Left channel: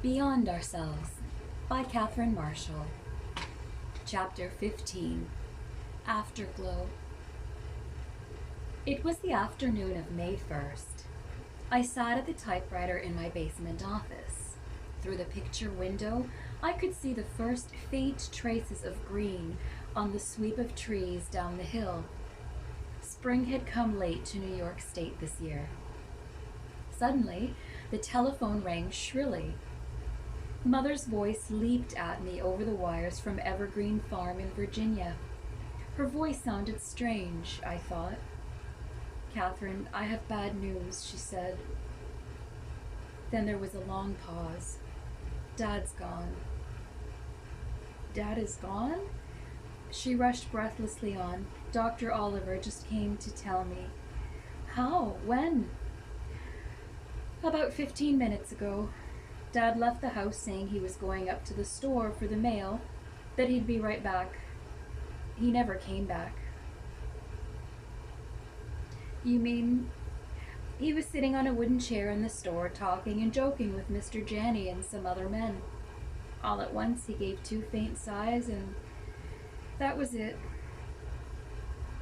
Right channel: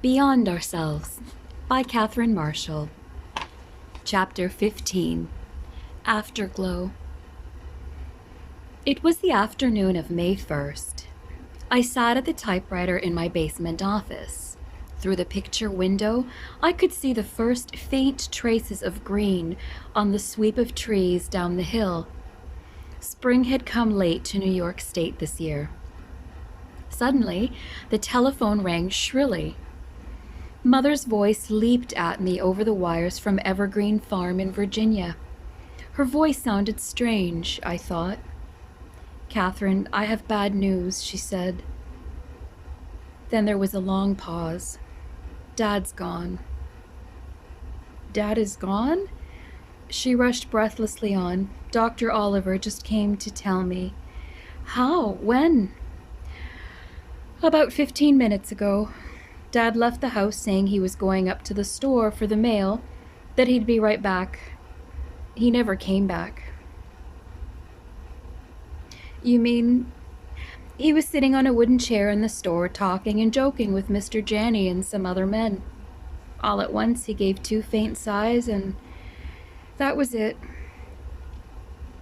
Beyond Ourselves by Catherine Marshall. Chapter 15. Afterglow. It was the afternoon of May 1st. I sat at the typewriter in my basement office. Through the picture window, I could see the first faint traces of green on the sweep of trees down the hill. Spring had come late to New York State this year. Suddenly, the telephone rang shrilly. Mother's voice leaped at me over the wires from Evergreen Farm in Virginia. Her voice sounded strange, I thought. "Catherine, I have bad news," she said. Then there was a long pause. "Dad's gone." "Dad is gone?" She rushed breathlessly on. "Dr. Oliver just came to tell me." "How? When?" "About 15 minutes ago. Dad left the house saying he was going up to the store for the mail, that he'd be right back. He never came back." "You mean—" "He was sitting on a wooden chair in the store talking and joking with Mr. Janney and some other men. All at once he gave 2 faint sighs, and that was it."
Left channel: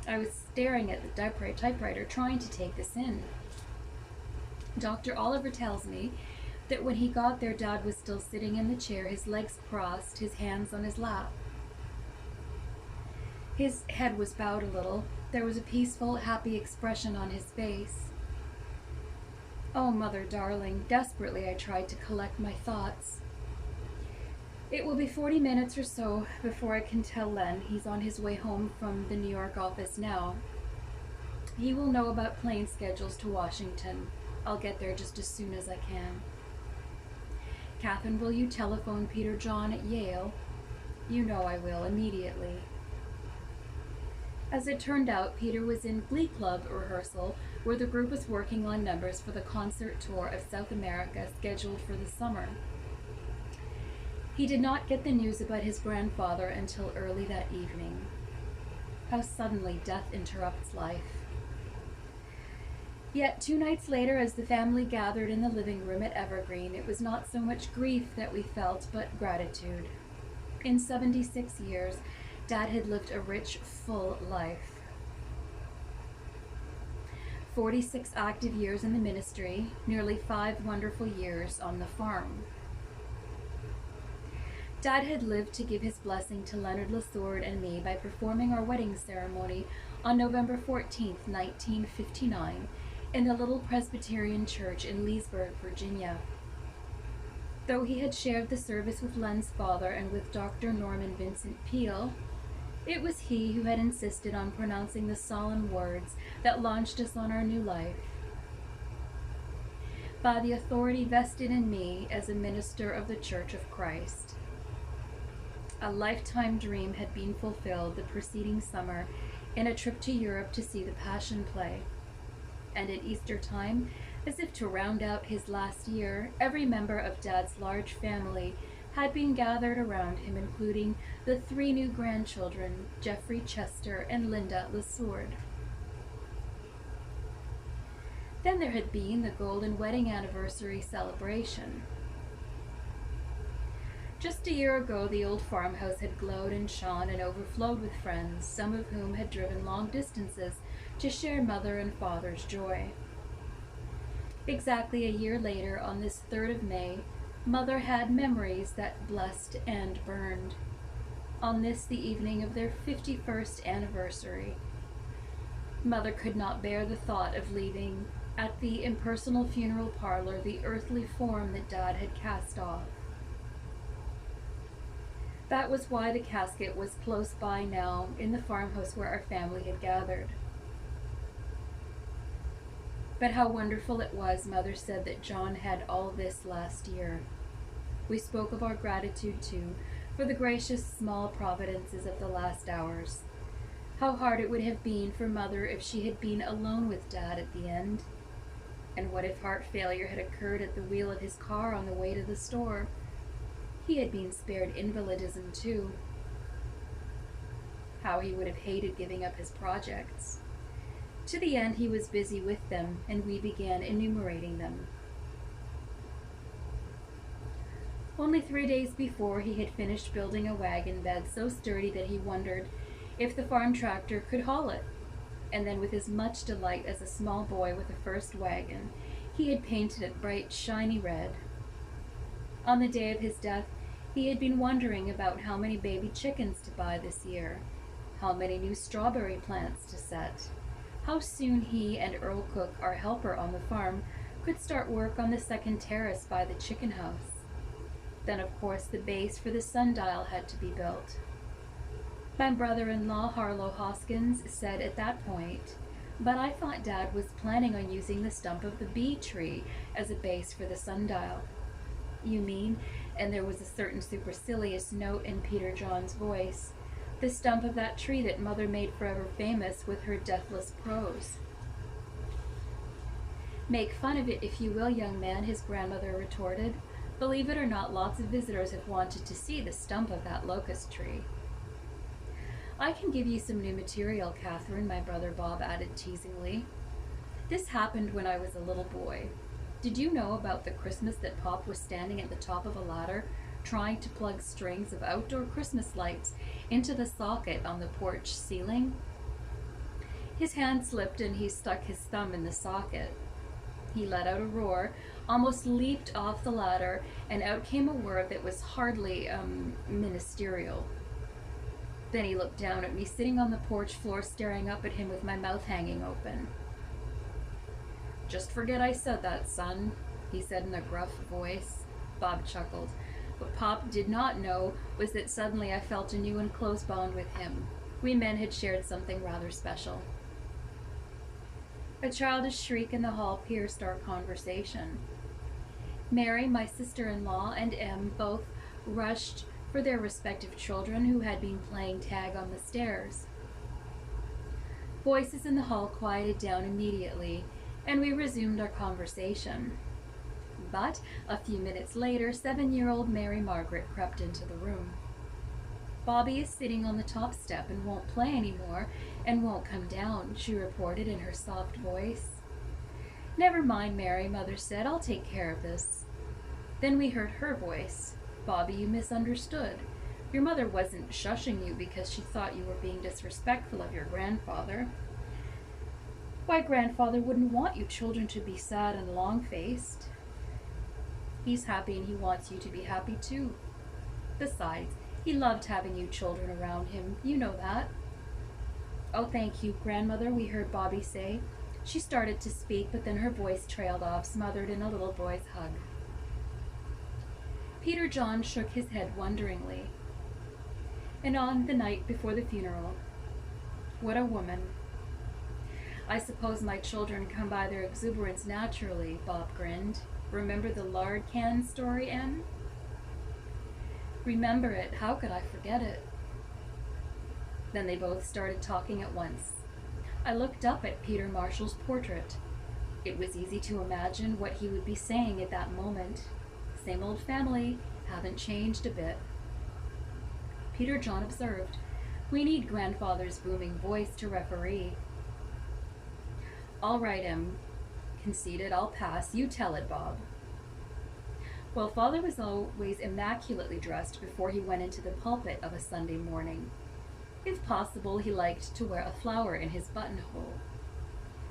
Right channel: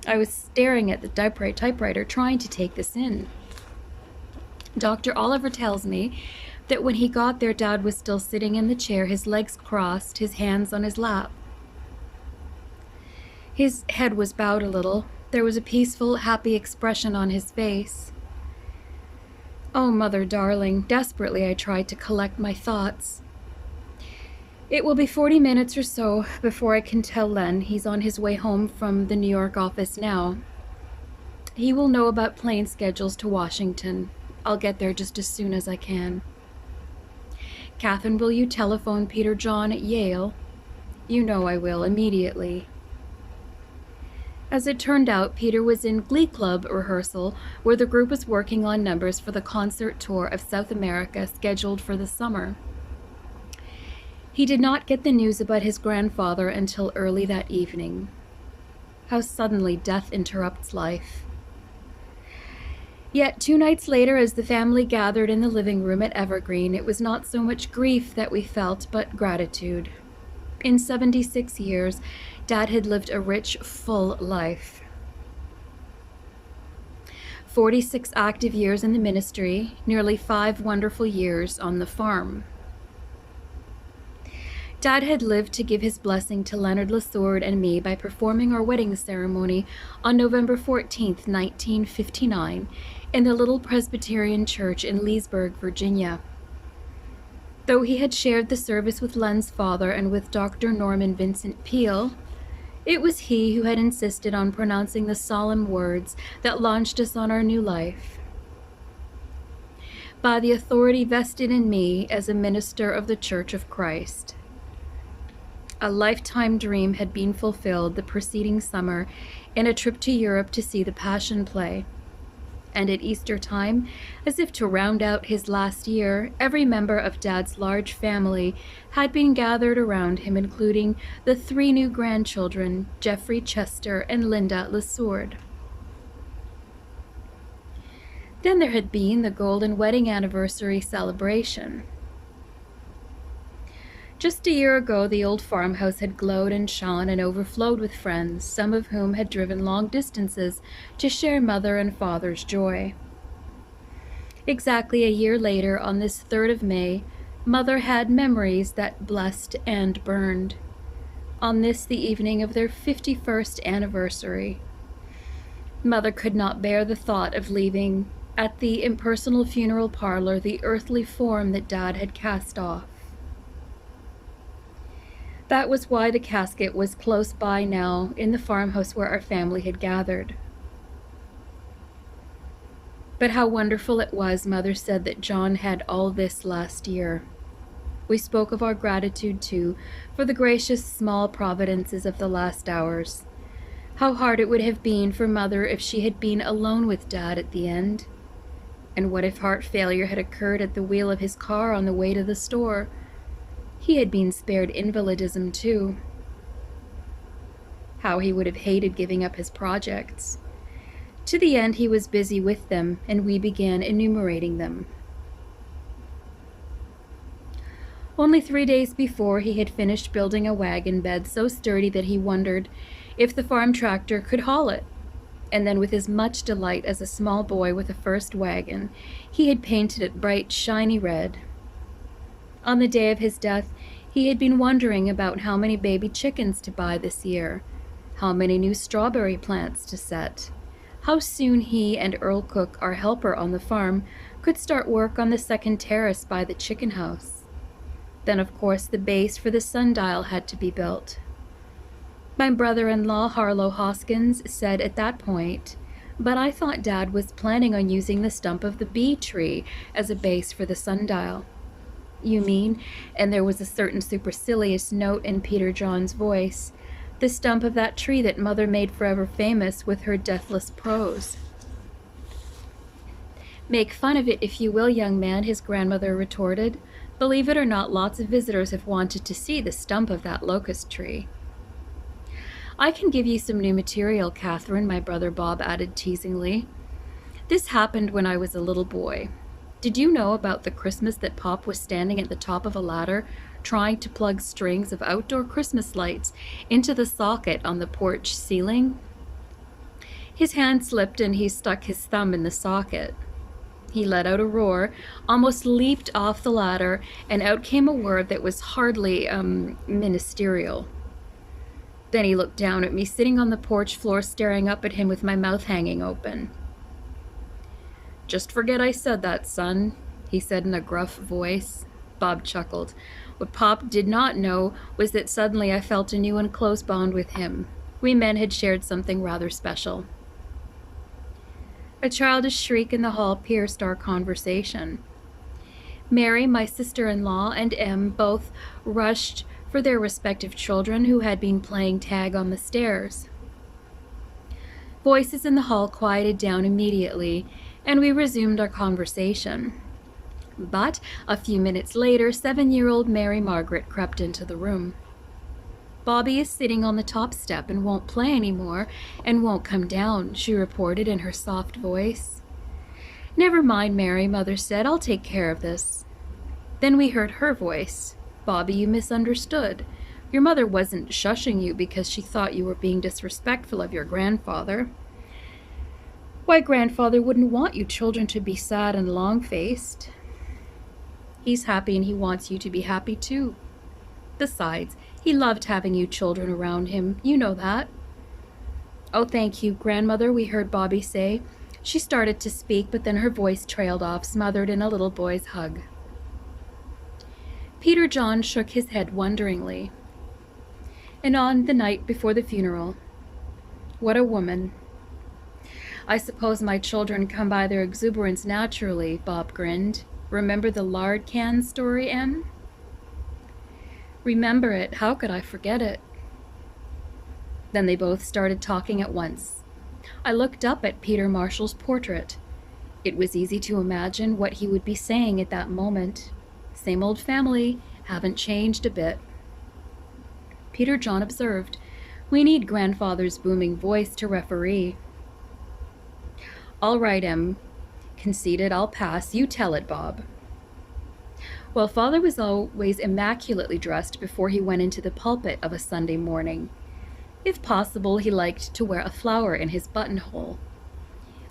I was staring at the typewriter trying to take this in. "Dr. Oliver tells me that when he got there, Dad was still sitting in the chair, his legs crossed, his hands on his lap. His head was bowed a little. There was a peaceful, happy expression on his face." "Oh, Mother darling," desperately I tried to collect my thoughts. "It will be 40 minutes or so before I can tell Len. He's on his way home from the New York office now. He will know about plane schedules to Washington. I'll get there just as soon as I can. Catherine, will you telephone Peter John at Yale? You know I will, immediately." As it turned out, Peter was in Glee Club rehearsal, where the group was working on numbers for the concert tour of South America scheduled for the summer. He did not get the news about his grandfather until early that evening. How suddenly death interrupts life. Yet 2 nights later, as the family gathered in the living room at Evergreen, it was not so much grief that we felt, but gratitude. In 76 years, Dad had lived a rich, full life. 46 active years in the ministry, nearly 5 wonderful years on the farm. Dad had lived to give his blessing to Leonard Lasourde and me by performing our wedding ceremony on November 14th, 1959, in the little Presbyterian church in Leesburg, Virginia. Though he had shared the service with Len's father and with Dr. Norman Vincent Peale, it was he who had insisted on pronouncing the solemn words that launched us on our new life. "By the authority vested in me as a minister of the Church of Christ." A lifetime dream had been fulfilled the preceding summer in a trip to Europe to see the Passion Play. And at Easter time, as if to round out his last year, every member of Dad's large family had been gathered around him, including the 3 new grandchildren, Jeffrey, Chester, and Linda Lasourde. Then there had been the golden wedding anniversary celebration. Just a year ago, the old farmhouse had glowed and shone and overflowed with friends, some of whom had driven long distances to share Mother and Father's joy. Exactly a year later, on this 3rd of May, Mother had memories that blessed and burned. On this, the evening of their 51st anniversary. Mother could not bear the thought of leaving, at the impersonal funeral parlor, the earthly form that Dad had cast off. That was why the casket was close by now, in the farmhouse where our family had gathered. But how wonderful it was, Mother said, that John had all this last year. We spoke of our gratitude, too, for the gracious small providences of the last hours. How hard it would have been for Mother if she had been alone with Dad at the end. And what if heart failure had occurred at the wheel of his car on the way to the store? He had been spared invalidism, too. How he would have hated giving up his projects. To the end, he was busy with them, and we began enumerating them. Only 3 days before, he had finished building a wagon bed so sturdy that he wondered if the farm tractor could haul it. And then, with as much delight as a small boy with a first wagon, he had painted it bright, shiny red. On the day of his death, he had been wondering about how many baby chickens to buy this year, how many new strawberry plants to set, how soon he and Earl Cook, our helper on the farm, could start work on the second terrace by the chicken house. Then, of course, the base for the sundial had to be built. My brother-in-law, Harlow Hoskins, said at that point, "But I thought Dad was planning on using the stump of the bee tree as a base for the sundial." "You mean," and there was a certain supercilious note in Peter John's voice, "the stump of that tree that Mother made forever famous with her deathless prose?" "Make fun of it if you will, young man," his grandmother retorted. "Believe it or not, lots of visitors have wanted to see the stump of that locust tree." "I can give you some new material, Catherine," my brother Bob added teasingly. "This happened when I was a little boy. Did you know about the Christmas that Pop was standing at the top of a ladder trying to plug strings of outdoor Christmas lights into the socket on the porch ceiling? His hand slipped and he stuck his thumb in the socket. He let out a roar, almost leaped off the ladder, and out came a word that was hardly, ministerial. Then he looked down at me, sitting on the porch floor, staring up at him with my mouth hanging open. "Just forget I said that, son," he said in a gruff voice. Bob chuckled. What Pop did not know was that suddenly I felt a new and close bond with him. We men had shared something rather special. A childish shriek in the hall pierced our conversation. Mary, my sister-in-law, and Em both rushed for their respective children who had been playing tag on the stairs. Voices in the hall quieted down immediately, and we resumed our conversation. But a few minutes later, 7-year-old Mary Margaret crept into the room. "Bobby is sitting on the top step and won't play anymore and won't come down," she reported in her soft voice. "Never mind, Mary," Mother said. "I'll take care of this." Then we heard her voice. "Bobby, you misunderstood. Your mother wasn't shushing you because she thought you were being disrespectful of your grandfather. Why, grandfather wouldn't want you children to be sad and long-faced. He's happy and he wants you to be happy too. Besides, he loved having you children around him. You know that." "Oh, thank you, grandmother," we heard Bobby say. She started to speak, but then her voice trailed off, smothered in a little boy's hug. Peter John shook his head wonderingly. "And on the night before the funeral, what a woman." "I suppose my children come by their exuberance naturally," Bob grinned. "Remember the lard can story, Em?" "Remember it? How could I forget it?" Then they both started talking at once. I looked up at Peter Marshall's portrait. It was easy to imagine what he would be saying at that moment. Same old family, haven't changed a bit. Peter John observed, "We need grandfather's booming voice to referee." "All right, Em," conceded. "I'll pass. You tell it, Bob." Well, Father was always immaculately dressed before he went into the pulpit of a Sunday morning. If possible, he liked to wear a flower in his buttonhole.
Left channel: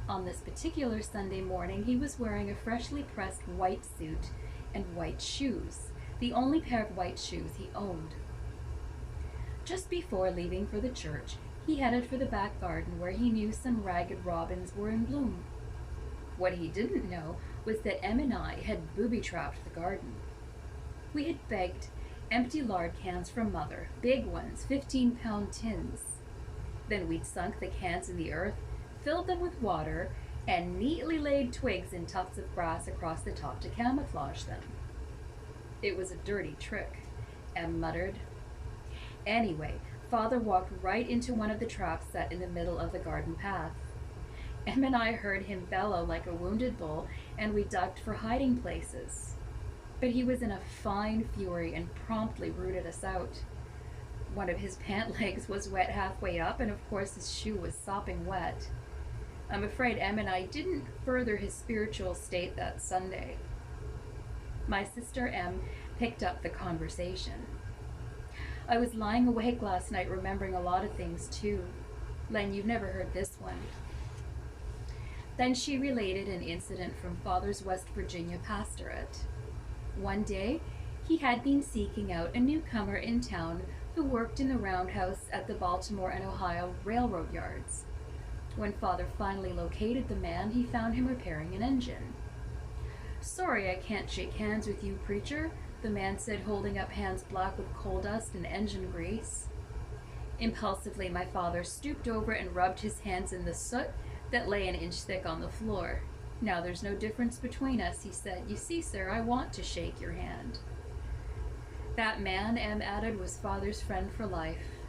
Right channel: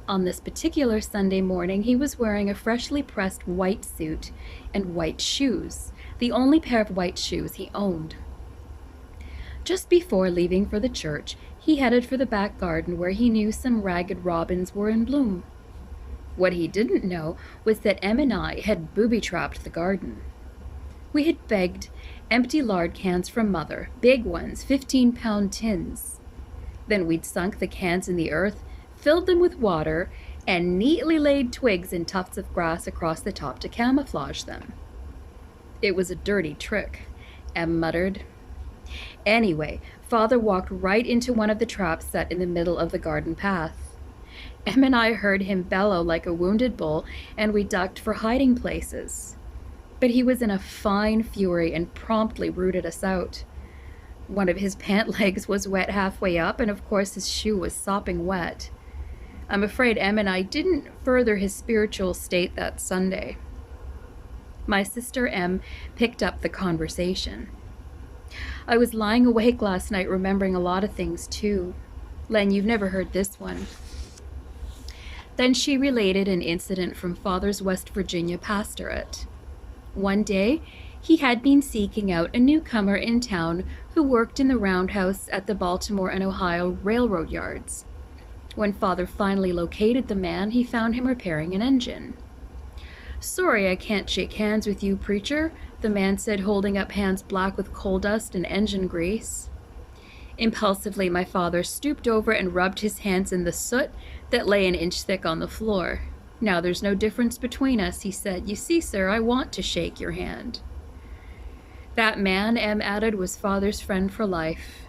On this particular Sunday morning, he was wearing a freshly pressed white suit and white shoes, the only pair of white shoes he owned. Just before leaving for the church, he headed for the back garden where he knew some ragged robins were in bloom. What he didn't know was that Em and I had booby-trapped the garden. We had begged empty lard cans from Mother, big ones, 15-pound tins. Then we'd sunk the cans in the earth, filled them with water, and neatly laid twigs and tufts of grass across the top to camouflage them. "It was a dirty trick," Em muttered. Anyway, Father walked right into one of the traps set in the middle of the garden path. Em and I heard him bellow like a wounded bull, and we ducked for hiding places. But he was in a fine fury and promptly rooted us out. One of his pant legs was wet halfway up, and of course his shoe was sopping wet. I'm afraid Em and I didn't further his spiritual state that Sunday. My sister M picked up the conversation. I was lying awake last night remembering a lot of things too. Len, you've never heard this one. Then she related an incident from Father's West Virginia pastorate. One day, he had been seeking out a newcomer in town who worked in the roundhouse at the Baltimore and Ohio railroad yards. When Father finally located the man, he found him repairing an engine. "Sorry I can't shake hands with you, preacher," the man said, holding up hands black with coal dust and engine grease. Impulsively, my father stooped over and rubbed his hands in the soot that lay an inch thick on the floor. "Now there's no difference between us," he said. "You see, sir, I want to shake your hand." That man, M added, was Father's friend for life.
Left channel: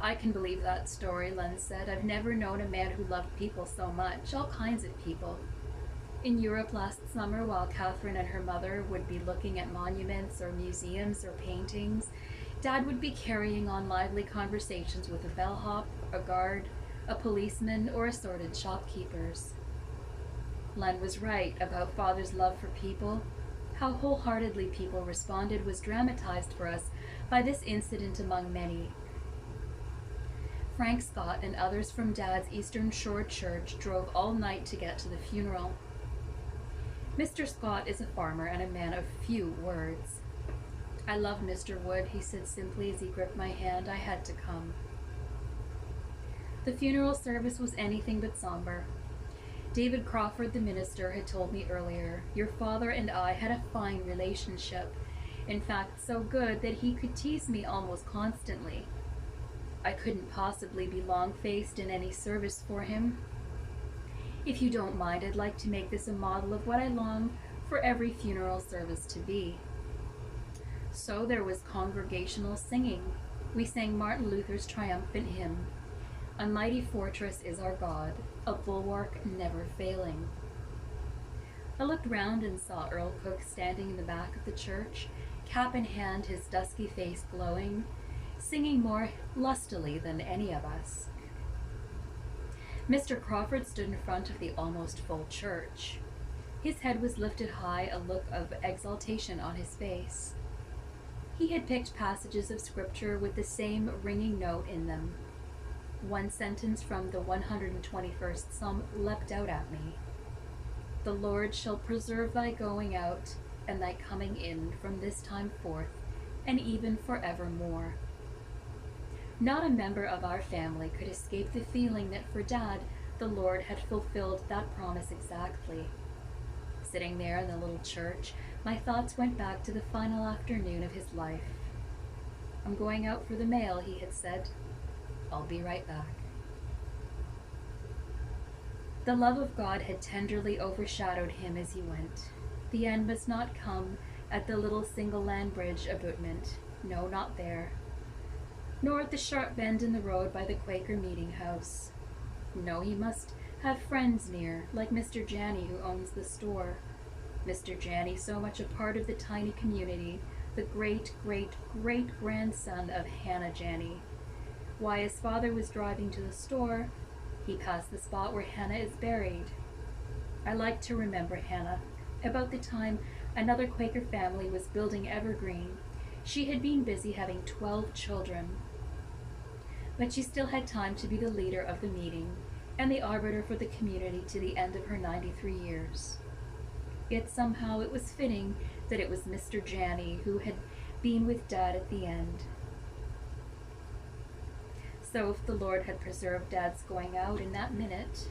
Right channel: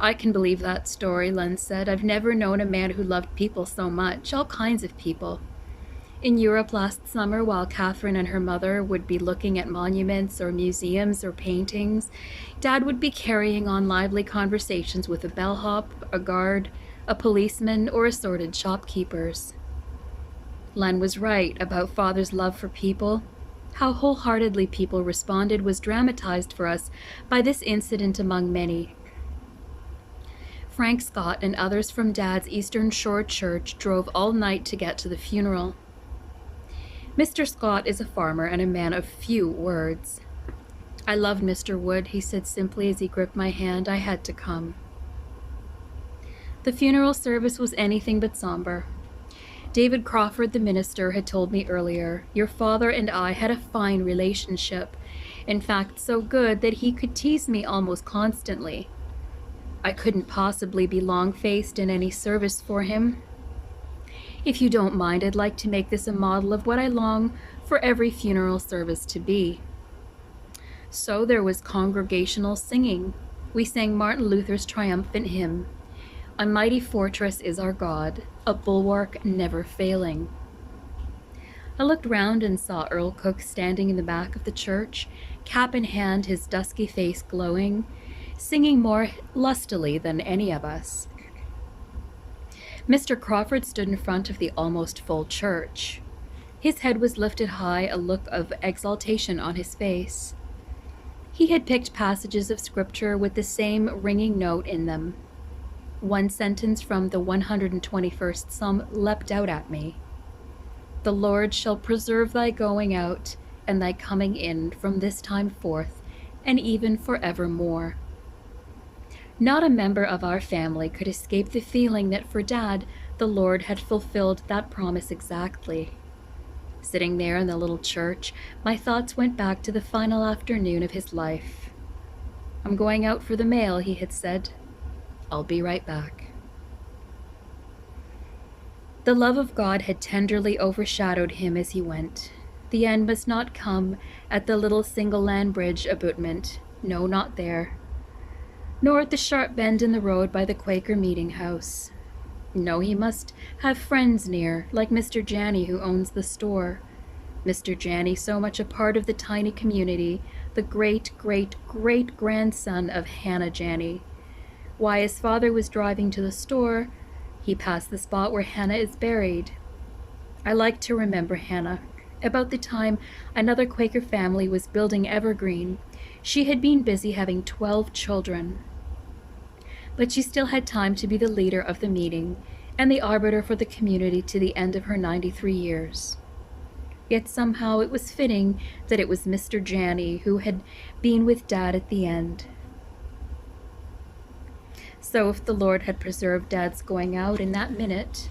"I can believe that story," Len said. "I've never known a man who loved people so much, all kinds of people. In Europe last summer, while Catherine and her mother would be looking at monuments or museums or paintings, Dad would be carrying on lively conversations with a bellhop, a guard, a policeman, or assorted shopkeepers." Len was right about Father's love for people. How wholeheartedly people responded was dramatized for us by this incident among many. Frank Scott and others from Dad's Eastern Shore church drove all night to get to the funeral. Mr. Scott is a farmer and a man of few words. "I loved Mr. Wood," he said simply as he gripped my hand. "I had to come." The funeral service was anything but somber. David Crawford, the minister, had told me earlier, "Your father and I had a fine relationship. In fact, so good that he could tease me almost constantly. I couldn't possibly be long-faced in any service for him. If you don't mind, I'd like to make this a model of what I long for every funeral service to be." So there was congregational singing. We sang Martin Luther's triumphant hymn, "A mighty fortress is our God, a bulwark never failing." I looked round and saw Earl Cook standing in the back of the church, cap in hand, his dusky face glowing, singing more lustily than any of us. Mr. Crawford stood in front of the almost full church. His head was lifted high, a look of exaltation on his face. He had picked passages of scripture with the same ringing note in them. One sentence from the 121st Psalm leapt out at me. "The Lord shall preserve thy going out and thy coming in from this time forth, and even forevermore." Not a member of our family could escape the feeling that for Dad, the Lord had fulfilled that promise exactly. Sitting there in the little church, my thoughts went back to the final afternoon of his life. "I'm going out for the mail," he had said. "I'll be right back." The love of God had tenderly overshadowed him as he went. The end must not come at the little single land bridge abutment. No, not there. Nor at the sharp bend in the road by the Quaker meeting house. No, he must have friends near, like Mr. Janney, who owns the store. Mr. Janney, so much a part of the tiny community, the great-great-great-grandson of Hannah Janney. Why, as Father was driving to the store, he passed the spot where Hannah is buried. I like to remember Hannah. About the time another Quaker family was building Evergreen, she had been busy having 12 children. But she still had time to be the leader of the meeting and the arbiter for the community to the end of her 93 years. Yet somehow it was fitting that it was Mr. Janney who had been with Dad at the end. So if the Lord had preserved Dad's going out in that minute,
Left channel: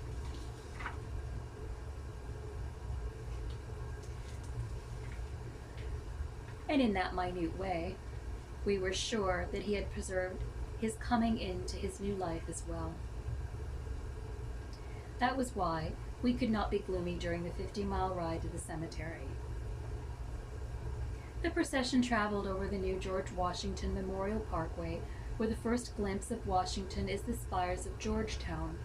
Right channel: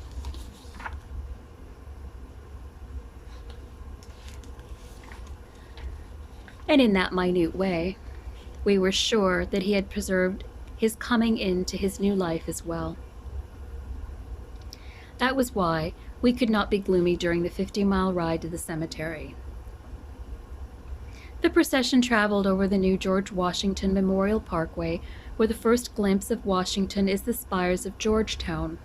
and in that minute way, we were sure that he had preserved his coming into his new life as well. That was why we could not be gloomy during the 50-mile ride to the cemetery. The procession traveled over the new George Washington Memorial Parkway, where the first glimpse of Washington is the spires of Georgetown.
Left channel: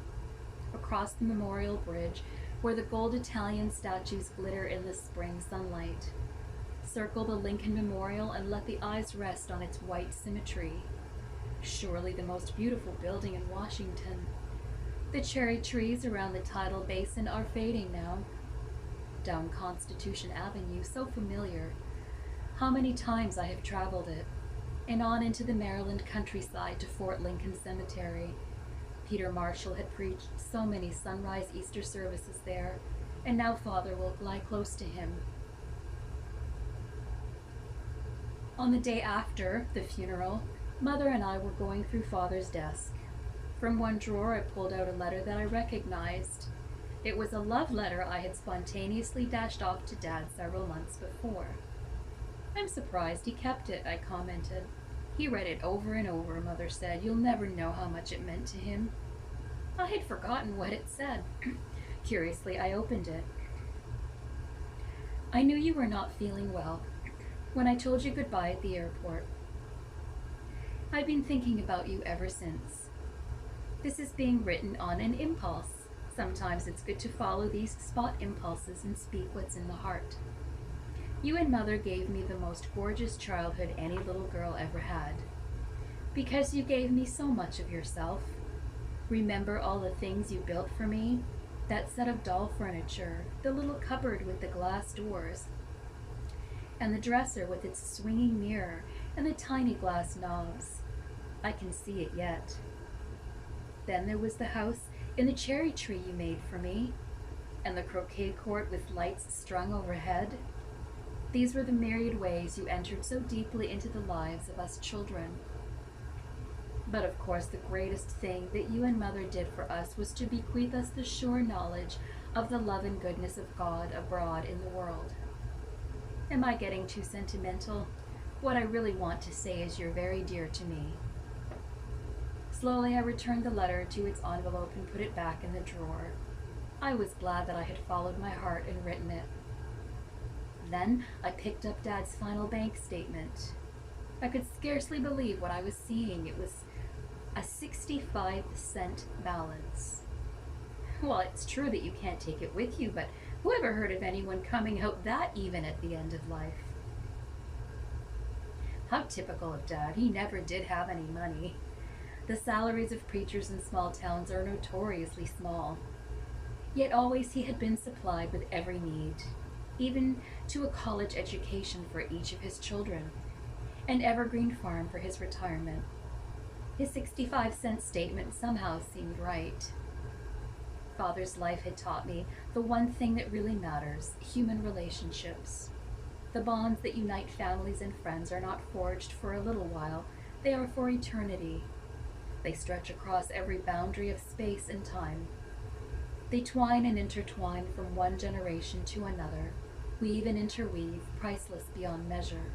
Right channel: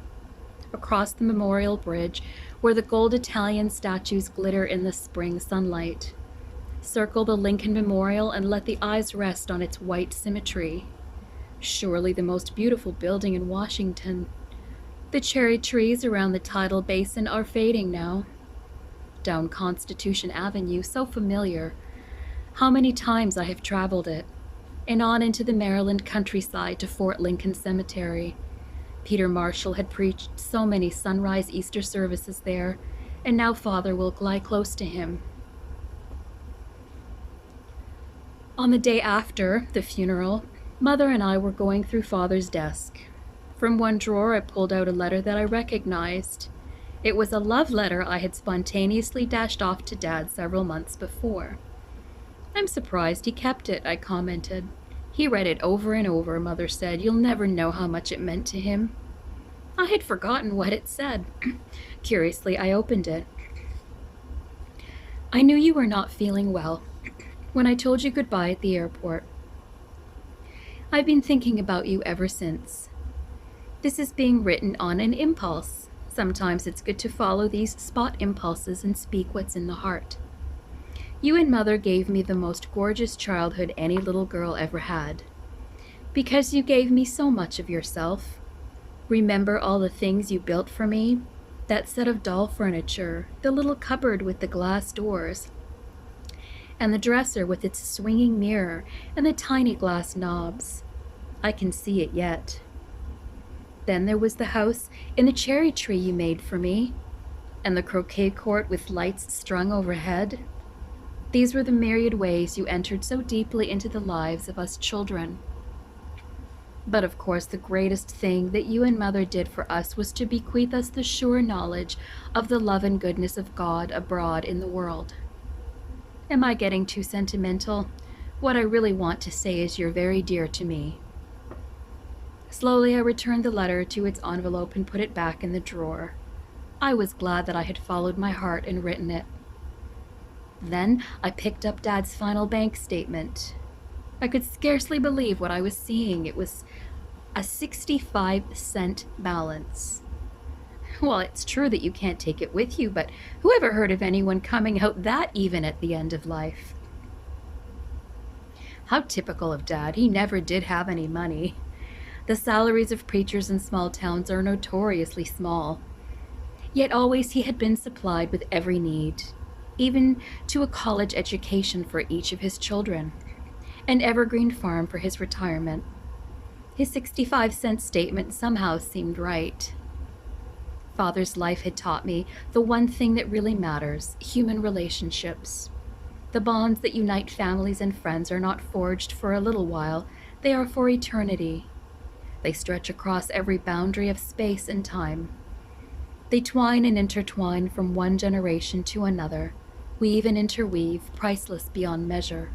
Across the Memorial Bridge, where the gold Italian statues glitter in the spring sunlight. Circle the Lincoln Memorial and let the eyes rest on its white symmetry. Surely the most beautiful building in Washington. The cherry trees around the tidal basin are fading now. down Constitution Avenue so familiar. How many times I have traveled it, and on into the Maryland countryside to Fort Lincoln Cemetery. Peter Marshall had preached so many sunrise Easter services there, and now Father will lie close to him. On the day after the funeral, Mother and I were going through Father's desk. From one drawer, I pulled out a letter that I recognized. It was a love letter I had spontaneously dashed off to Dad several months before. "I'm surprised he kept it," I commented. "He read it over and over," Mother said. "You'll never know how much it meant to him." I had forgotten what it said. Curiously, I opened it. "I knew you were not feeling well when I told you goodbye at the airport. I've been thinking about you ever since. This is being written on an impulse. Sometimes it's good to follow these spot impulses and speak what's in the heart. You and Mother gave me the most gorgeous childhood any little girl ever had. Because you gave me so much of yourself. Remember all the things you built for me? That set of doll furniture, the little cupboard with the glass doors, and the dresser with its swinging mirror and the tiny glass knobs. I can see it yet. Then there was the house in the cherry tree you made for me, and the croquet court with lights strung overhead. These were the myriad ways you entered so deeply into the lives of us children. But of course, the greatest thing that you and Mother did for us was to bequeath us the sure knowledge of the love and goodness of God abroad in the world. Am I getting too sentimental? What I really want to say is you're very dear to me." Slowly, I returned the letter to its envelope and put it back in the drawer. I was glad that I had followed my heart and written it. Then I picked up Dad's final bank statement. I could scarcely believe what I was seeing. It was a 65-cent balance. Well, it's true that you can't take it with you, but who ever heard of anyone coming out that even at the end of life? How typical of Dad. He never did have any money. The salaries of preachers in small towns are notoriously small. Yet always he had been supplied with every need, even to a college education for each of his children, an evergreen farm for his retirement. His 65-cent statement somehow seemed right. Father's life had taught me the one thing that really matters: human relationships. The bonds that unite families and friends are not forged for a little while, they are for eternity. They stretch across every boundary of space and time. They twine and intertwine from one generation to another, weave and interweave, priceless beyond measure.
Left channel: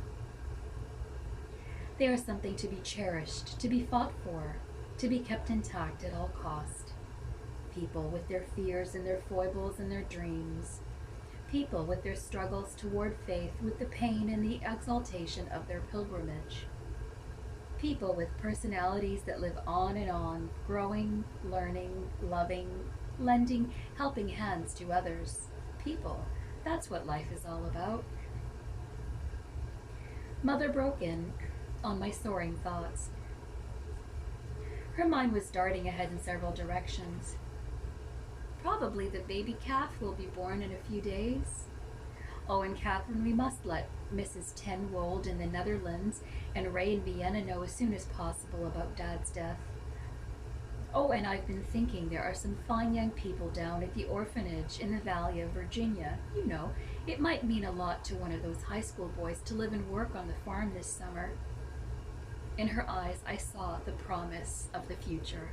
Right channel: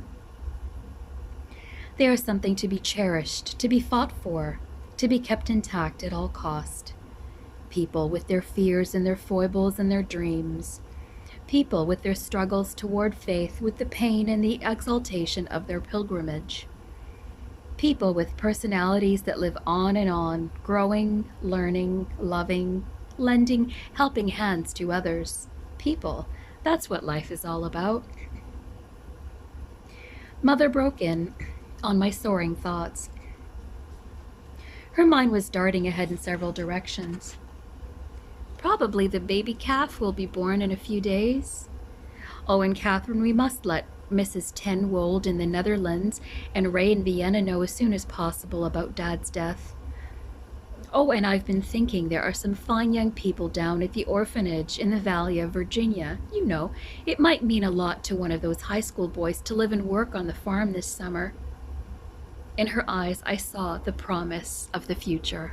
They are something to be cherished, to be fought for, to be kept intact at all cost. People with their fears and their foibles and their dreams. People with their struggles toward faith, with the pain and the exaltation of their pilgrimage. People with personalities that live on, growing, learning, loving, lending helping hands to others. People, that's what life is all about. Mother broke in on my soaring thoughts. Her mind was darting ahead in several directions. Probably the baby calf will be born in a few days. Oh, and Catherine, we must let Mrs. Ten Wold in the Netherlands and Ray in Vienna know as soon as possible about Dad's death. Oh, and I've been thinking there are some fine young people down at the orphanage in the Valley of Virginia. You know, it might mean a lot to one of those high school boys to live and work on the farm this summer. In her eyes, I saw the promise of the future.